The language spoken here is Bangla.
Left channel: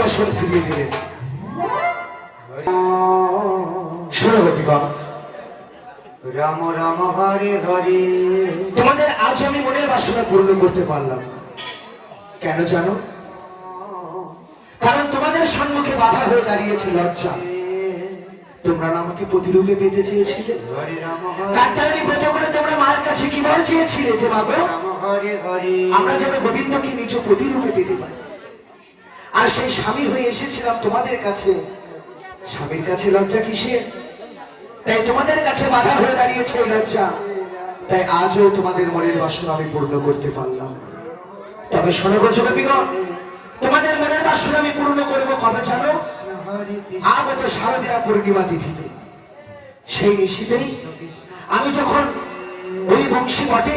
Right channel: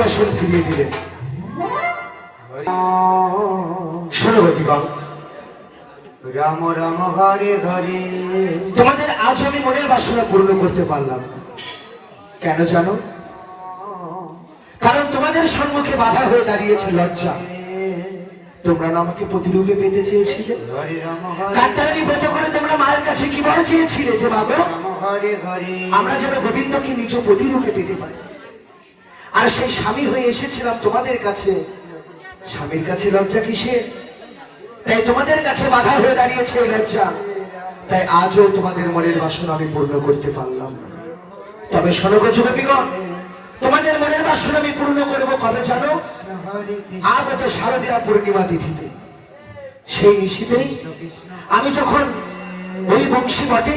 বসন ফিরিয়ে দিলেন। ষোলবতীগণ, রাম রাম হরে হরে। তোমাদের আজ আমি মনের বাসনা পূর্ণ করতে পারলাম। কেন জানো? কারণ তোমাদের সম্মুখে বাধা হয়ে দাঁড়িয়েছে লজ্জা। তোমরা আমাকে প্রতিরূপে পেতে চেয়েছিলে। কাত্যায়নী ব্রত করে তোমরা মায়ের কাছে কি বল চেয়েছিলে যে মা গো, আমরা যেন গোবিন্দকে নিজ প্রতিরূপে পেতে পারি। আর সেই স্বামী হয়ে এসেছিলাম তোমাদের কাছে। স্বামীর কাছে লজ্জা কিসের? তাই তোমাদের কাছে বাধা হয়ে দাঁড়িয়েছে লজ্জা। তাই আজও তোমাদের মনের বাসনা আমি পূর্ণ করতে পারলাম। তবে সর্বজনপিগণ, তোমাদের মনের বাসনা আমি পূর্ণ করবো কবে জানো? আগত শারদীয়া পূর্ণিমা তিথিতে। সেই নিশিতেই আমি যখন ওই বংশীবটে